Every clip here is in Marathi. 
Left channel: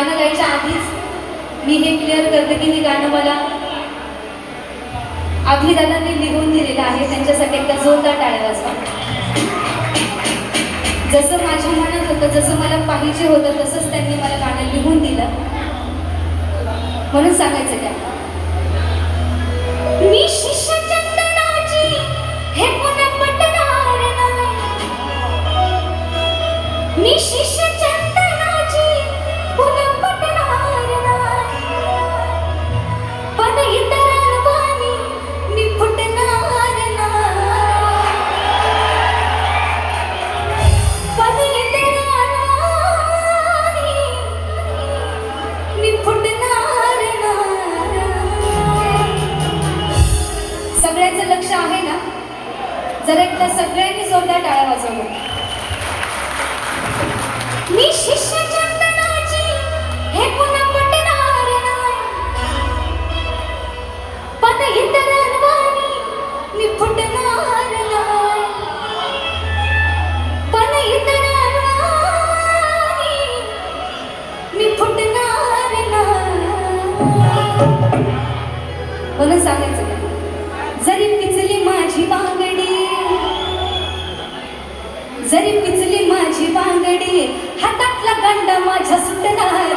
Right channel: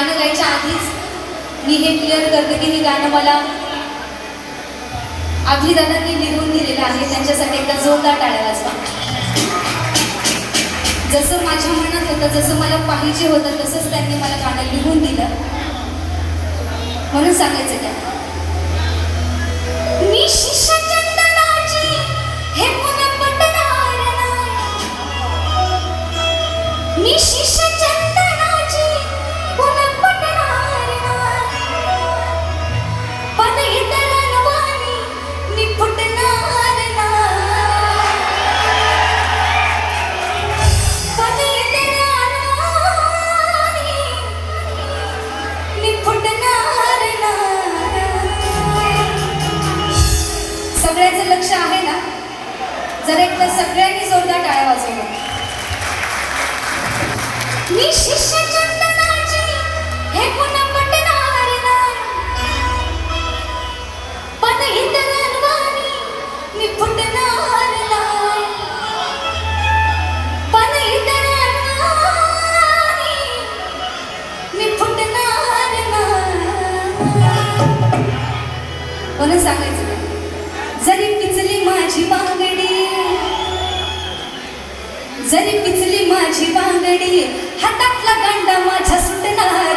गाणं गायच्या आधीच मी हे क्लिअर करते की हे गाणं मला अभिदादांनी लिहून दिलेलं आहे. त्यांच्यासाठी एकदा जोरदार टाळ्या वाजवा. जसं माझ्या मनात होतं जसं मला पाहिजे होतं तसंच त्यांनी मला गाणं लिहून दिलं. म्हणून सांगायचं काय? मी शिष्य हे पुन्हा पटणार मी शिष्य जर एकदा सगळ्यांनी जोरदार टाळ्या वाजवलं मी शिष्य चंदनाची हे पुन्हा पटणार नाही. पण इतरांवानी मी फुटणार नाही. पण इतरांवानी मी फुटणार नाही. म्हणून सांगायचं? जरी पिचली माझी बांगडी जरी पिचली माझी बांगडी हातातला गांडा माझ्या सुटणार.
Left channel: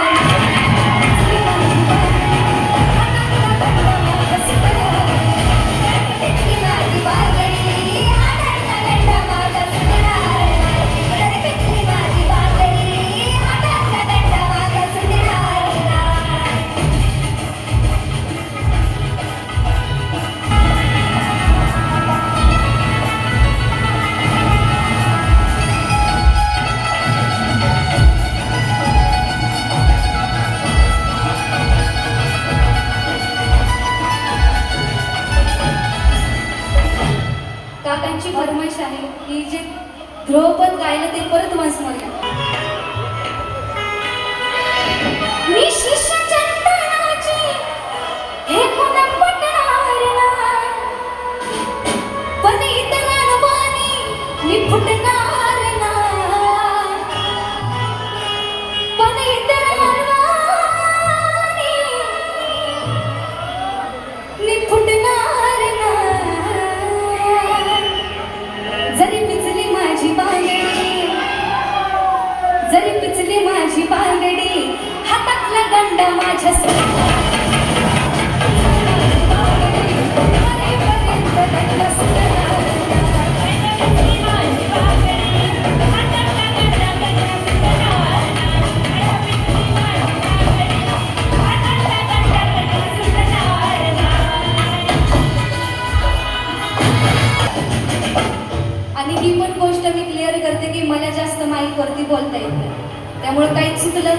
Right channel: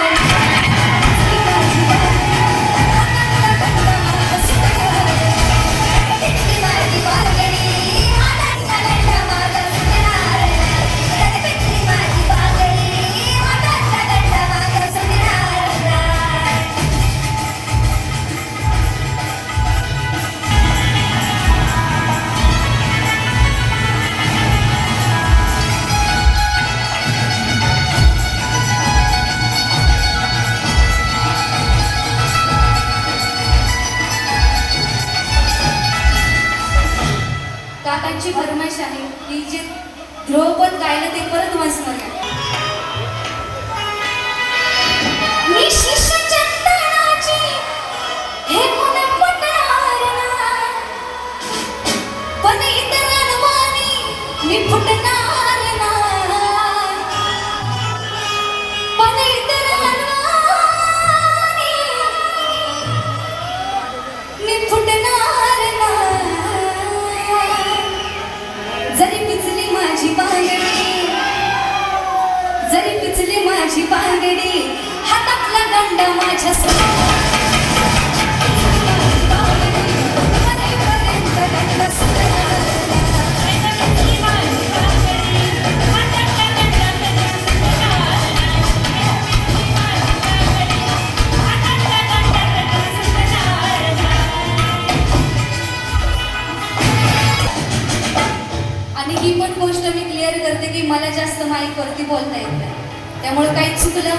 ही पण गोष्ट मी क्लिअर करते की मला जास्त माईकवरती बोलता येत नाही. त्यामुळे काही चुकलं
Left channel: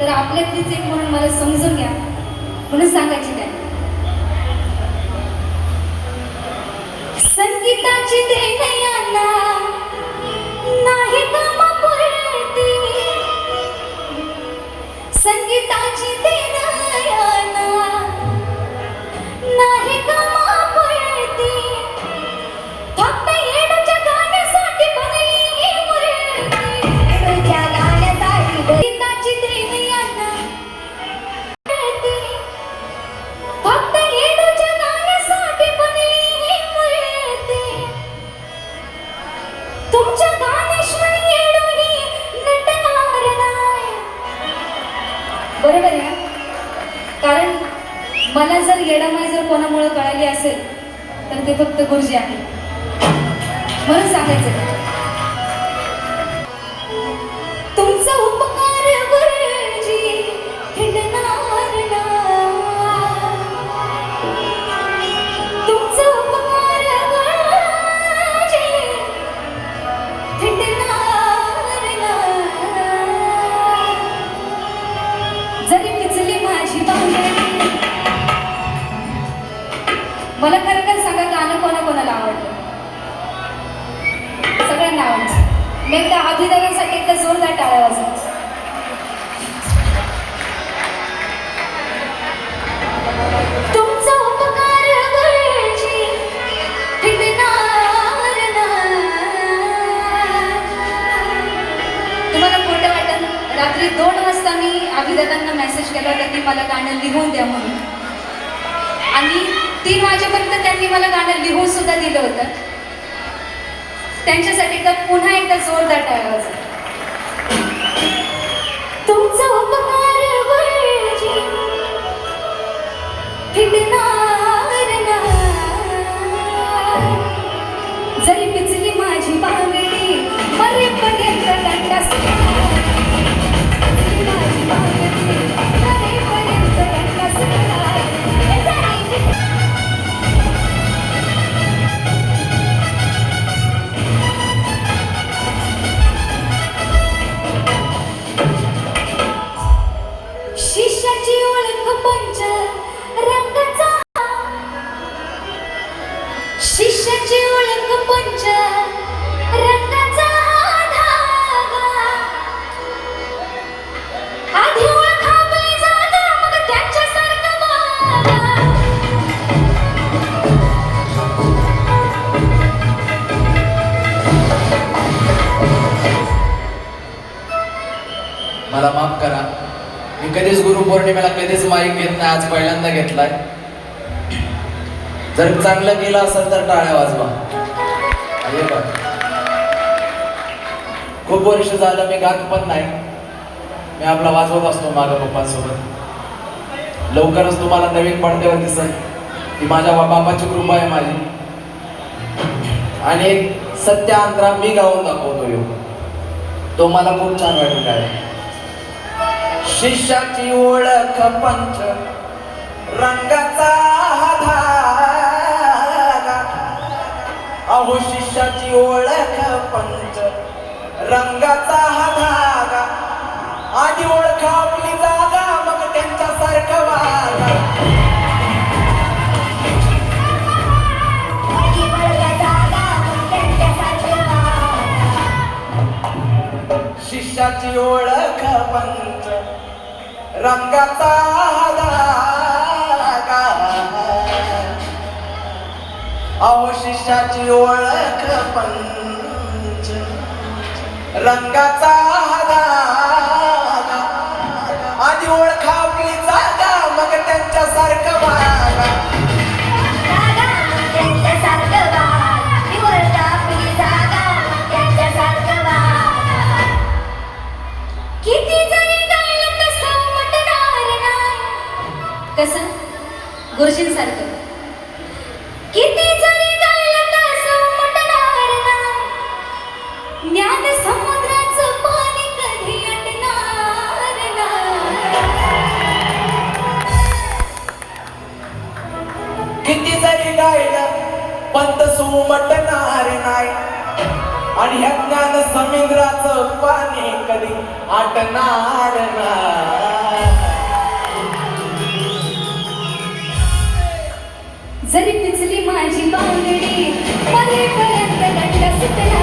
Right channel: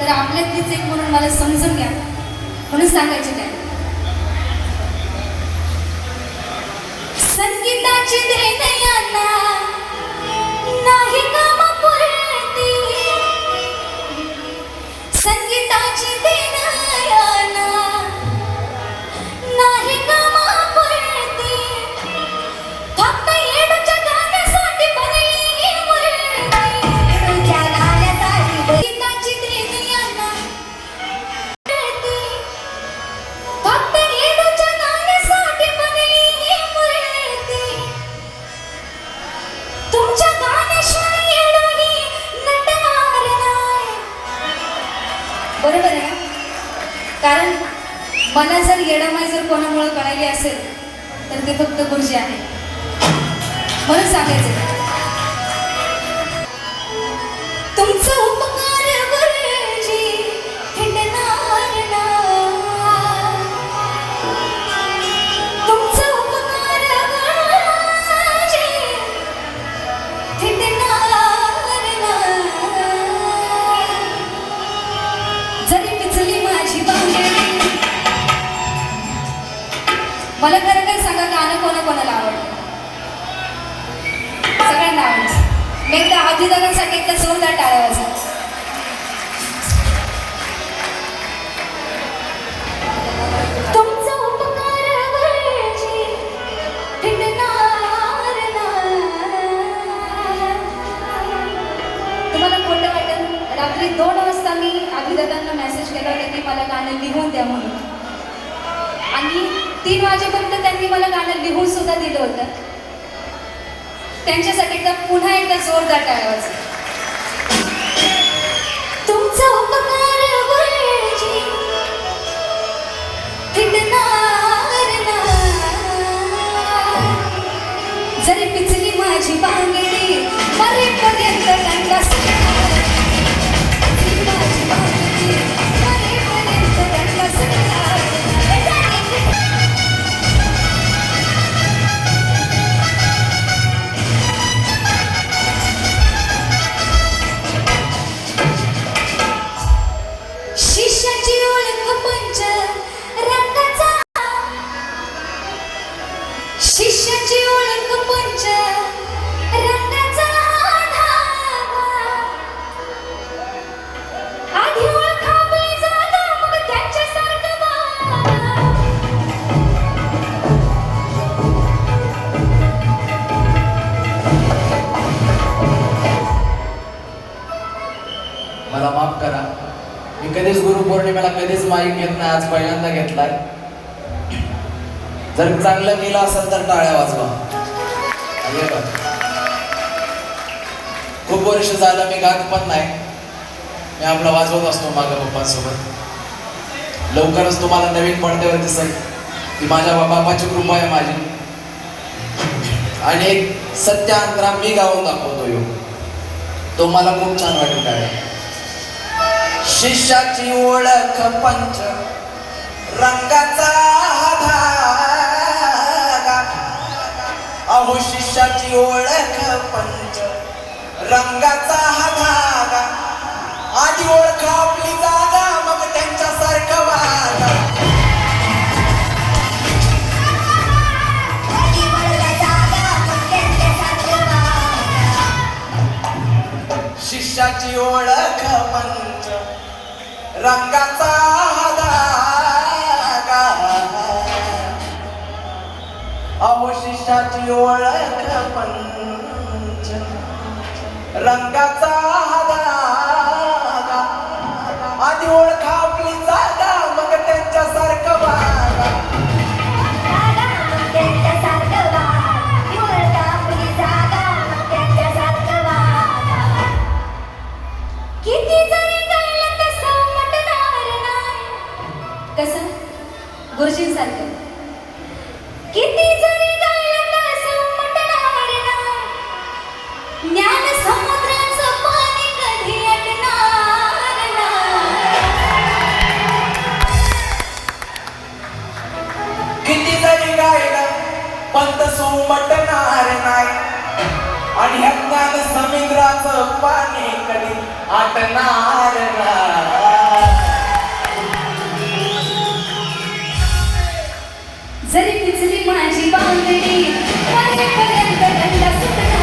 तर आपल्यातलीच एक म्हणून मला समजून घ्या. म्हणून सांगायचे काय? संगीताची नाही कामापुरती. संगीताची म्हणून सांगायचं. मला खरं काय सांगा गाणं कोणाकोणाला आवडलं मी एकदा आधीदारांसाठी एकदा जोरदार टाळ्या वाजवा. वाटेल? रात्री दोन वाजता मी अभिदादा म्हणाले मला गाणं लिहून द्या म्हणून. आणि तीन वाजेपर्यंत त्यांनी मला गाणं लिहून सुद्धा दिलं होतं. त्यांच्यासाठी एकदा पुन्हा एकदा जोरदार टाळ्या वाजवा. गुरुपौर्णिमेला कधीच माईक घेत नाही आज पहिल्यांदा घेतलाय. जर चांगलं केलं असेल तर टाळ्या वाजवा. खूप वर्ष झालं मी गात पण नाही. मी आपला वाजवत असतो माझ्या पप्पांसोबत. लवकरच तुम्हाला नवीन पडद्यावर दिसेल. की माझ्या बापाची कृपा आहे माझी. आणि सत्य अंतरा मी गाऊन दाखवतो येऊ हो. तो मला खूप छान वाटत आहे शिष्याची ओळख पंच रंगाचा धागा अहो शिष्याची ओळख पंच रंगाचा हा धागा आधी ओळख आपली जागा मग त्यांच्यासारखं वागा. अहो ओळख पंच रंगाचा आधी ओळख आपली जागा मग त्यांच्यासारखं वागा किती कसं? गुरुजींसारखं. किती उमटणार नाही. आणि ह्या ज्ञान समुद्राच पाणी कधी आटणार जरी पिचली माझी बांगडी मरेपर्यंत सुटणार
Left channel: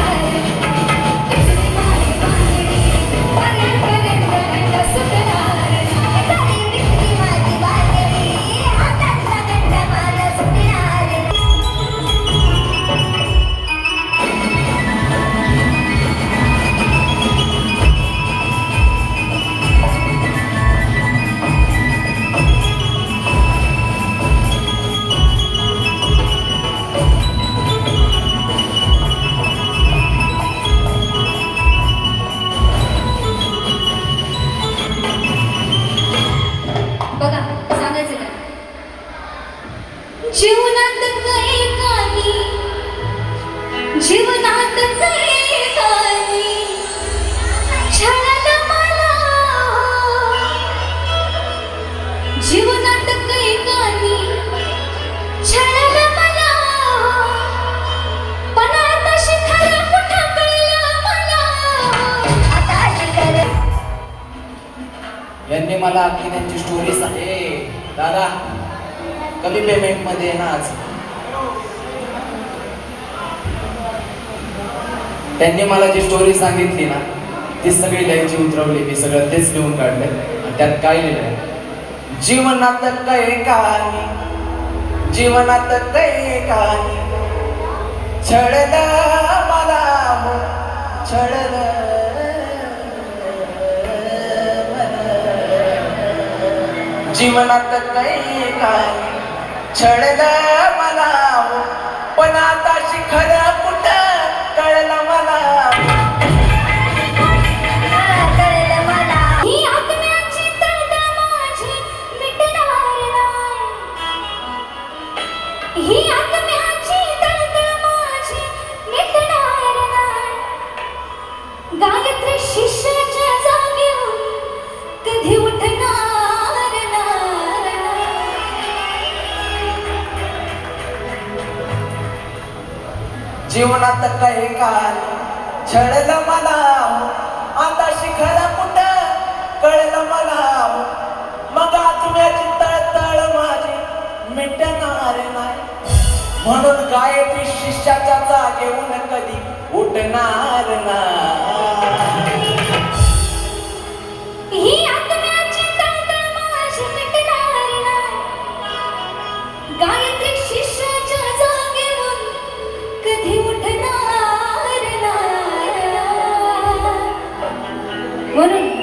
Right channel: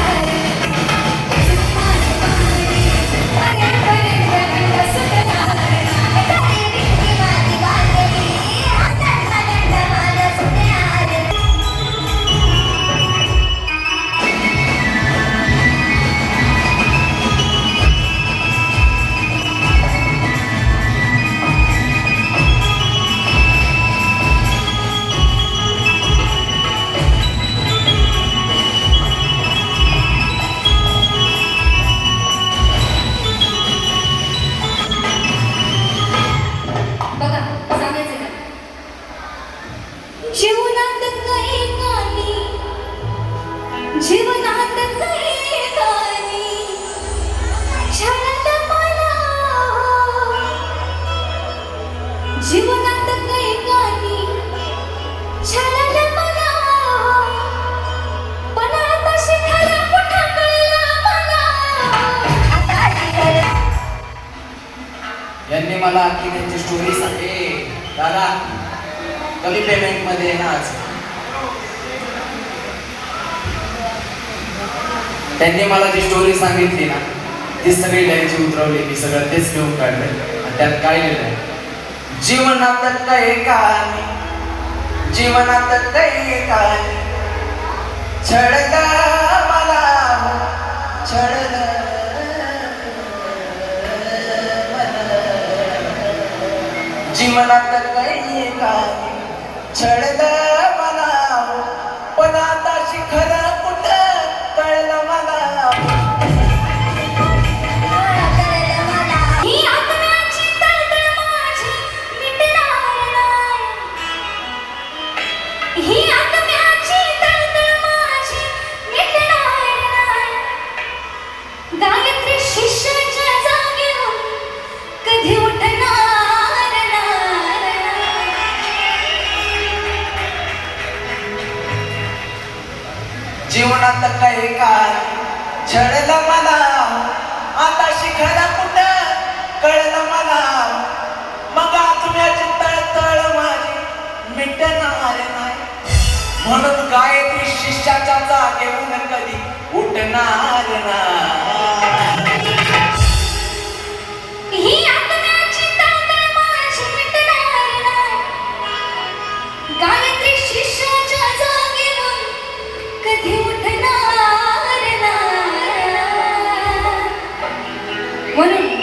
जीवनात काही मला पण आता कुठं कळलं मला यांनी मला की त्यांची स्टोरी सांगे दादा कमी पेमेंटमध्ये ना आज? त्यांनी मला जी स्टोरी सांगितली ना ती सगळी त्यांची उतरवली मी सगळं तेच लिहून काढलंय. आणि त्यात काय लिहिलंय? जीवनात काय कहाणी जीवनात काय कहाणी छडग मला हो छडग जीवनात काय कहाणी छडग मला हो पण म्हणून गायत्री शिष्याच्या जागेहून कधी उठणार ना. What शिष्याच्या जागेहून कधी